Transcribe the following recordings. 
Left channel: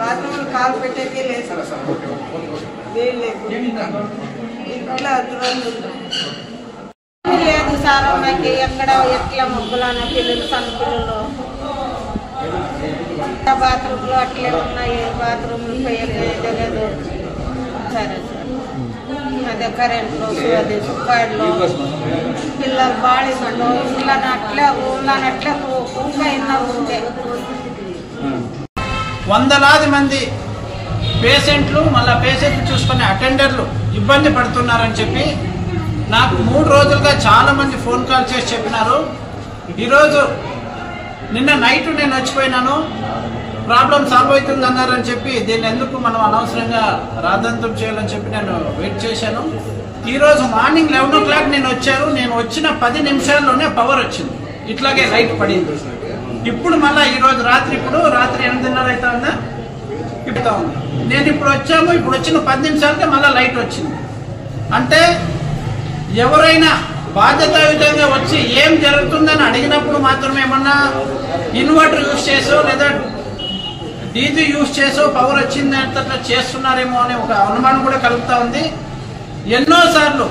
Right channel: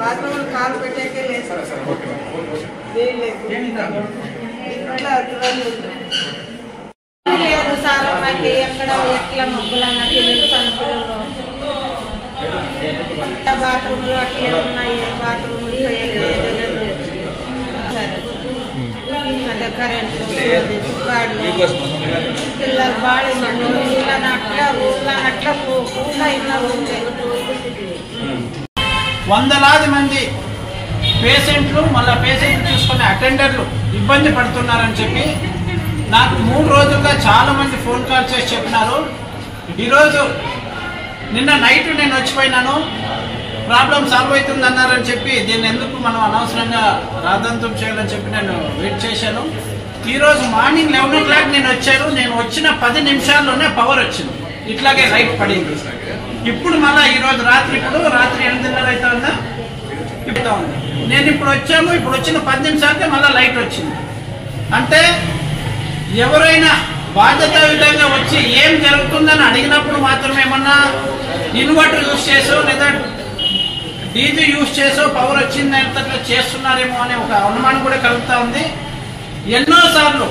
Bathroom కాలు పెట్టాకే లేదు లేదు సార్ మనకి ఎక్కడ ఎట్లా ముగ్గులన్న పిల్లలు సన్న పిల్లలు బాత్రూమ్లు అట్లే ఉన్నాయి బాత్రూమ్లు లేదు సరే అదే కరెంట్లు సుబ్బాడ్లు పిల్లలు బాడీలు ఇళ్ళనట్లా ఊళ్ళనట్లా ఊళ్ళో ఇన్న ఊళ్ళే వందలాది మంది పేషెంట్లు మళ్ళీ పేషెంట్లు చూసుకునే అటెండర్లు ఇబ్బంది పడుతున్నారని చెప్పి నాకు 3 రోజులుగా చాలా మంది ఫోన్ కాల్ చేసి చెప్పినారు. ఈరోజు నిన్న నైట్ నేను వచ్చిపోయినాను, ప్రాబ్లం సాల్వ్ అవుతుంది అన్నారని చెప్పి దీన్ని ఎందుకు మనం అనవసరంగా రాద్ధాంతం చేయాలని చెప్పి నేను వెయిట్ చేశాను. ఈరోజు మార్నింగ్ 11 o'clock నేను వచ్చాను. నేను వచ్చిన 10 నిమిషాల్లోనే పవర్ వచ్చింది, ఇట్లాగే లైట్ పడింది. ఇప్పుడు మళ్ళీ ఈరోజు రాత్రి 8:30 అవుతుందా చెప్తా ఉంది. నేను ఇప్పుడు వచ్చాము, ఇప్పుడు వచ్చిన 10 నిమిషాలకే మళ్ళీ లైట్ వచ్చింది. అంటే ఎవరైనా బాధ్యతాయుతంగా వచ్చి ఏం జరుగుతుందని అడిగినప్పుడు మాత్రమే ఏమన్నా ఇన్వర్టర్ యూజ్ చేసో లేదా డీజీ యూజ్ చేసో పవర్ వచ్చింది అట్లా చేస్తున్నారేమో అనే ఒక అనుమానం కూడా కలుగుతా ఉంది. ఎన్నోసార్లు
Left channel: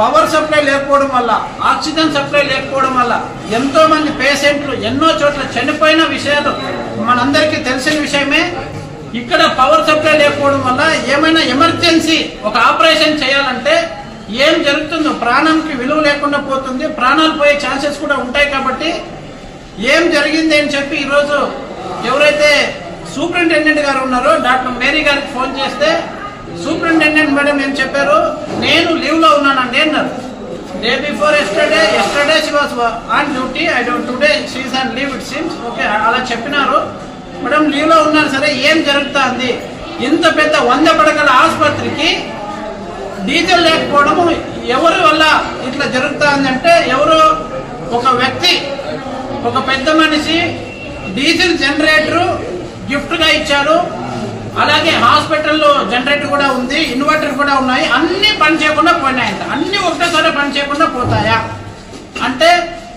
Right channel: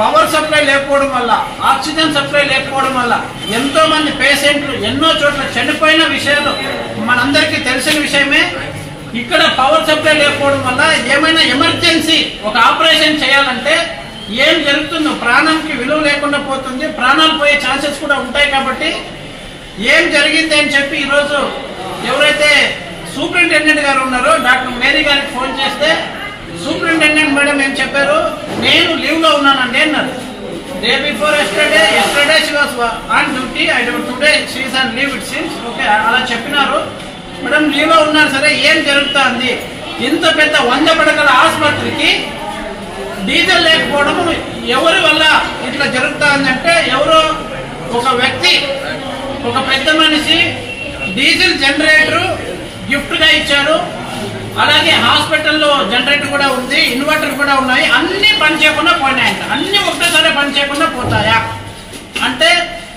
పవర్ సప్లై లేకపోవడం వల్ల, ఆక్సిజన్ సప్లై లేకపోవడం వల్ల ఎంతో మంది పేషెంట్లు ఎన్నో చోట్ల చనిపోయిన విషయాలు మనందరికీ తెలిసిన విషయమే. ఇక్కడ పవర్ సప్లై లేకపోవడం వల్ల ఏమైనా ఎమర్జెన్సీ ఒక ఆపరేషన్ చేయాలంటే ఏం జరుగుతుందో, ప్రాణానికి విలువ లేకుండా పోతుంది, ప్రాణాలు పోయే ఛాన్సెస్ కూడా ఉంటాయి. కాబట్టి ఏం జరిగింది అని చెప్పి ఈరోజు ఎవరైతే సూపరింటెండెంట్ గారు ఉన్నారో డాక్టర్ మేరీ గారికి ఫోన్ చేస్తే సూపరింటెండెంట్ మేడం ఏం చెప్పారు, నేను లీవ్ లో ఉన్నానండి అన్నారు. Day before yesterday she was on duty, I don't today she is on leave it seems. Okay, అలా చెప్పినారు. మేడం లీవ్ లో ఉన్నారు, సరే ఏం జరుగుతుంది? ఇంత పెద్ద 100 పడకల ఆసుపత్రికి డీజిల్ లేకపోవడం ఎవరి వల్ల ఇట్లా జరుగుతుందంటే, ఎవరో ఒక వ్యక్తి, ఒక పెద్ద మనిషి డీజిల్ జనరేటర్ గిఫ్ట్ గా ఇచ్చారు. అలాగే హాస్పిటల్లో జనరేటర్ కూడా ఉంది, ఇన్వర్టర్ కూడా ఉన్నాయి, అన్ని పని చేయకుండా పోయినాయంట. అన్ని ఒకటేసారి పని చేయకుండా పోతాయా అంటే,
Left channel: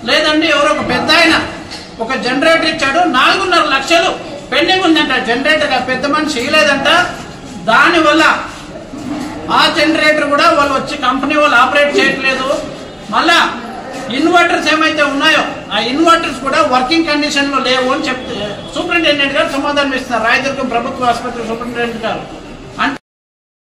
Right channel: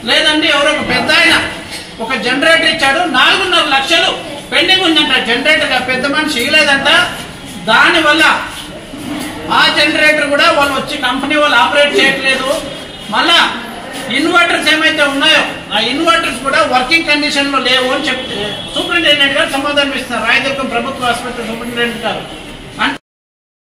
లేదండి ఎవరో ఒక పెద్ద ఆయన ఒక జనరేటర్ ఇచ్చాడు, 4.5 లక్షలు పెండింగ్ ఉందంట జనరేటర్, పెద్ద మనిషి ఇవ్వలేదంట. దానివల్ల ఆ జనరేటర్ కూడా వాళ్ళు వచ్చి కంపెనీ వాళ్ళు ఆపరేట్ చేయట్లేదు. మళ్ళా ఇన్వర్టర్స్ ఏమైతే ఉన్నాయో ఆ ఇన్వర్టర్స్ కూడా వర్కింగ్ కండిషన్ లో లేవు అని చెప్తే సూపరింటెండెంట్ గారు సమాధానం ఇస్తున్నారు. రాయదుర్గం ప్రభుత్వ ఆసుపత్రి సూపరింటెండెంట్ గారు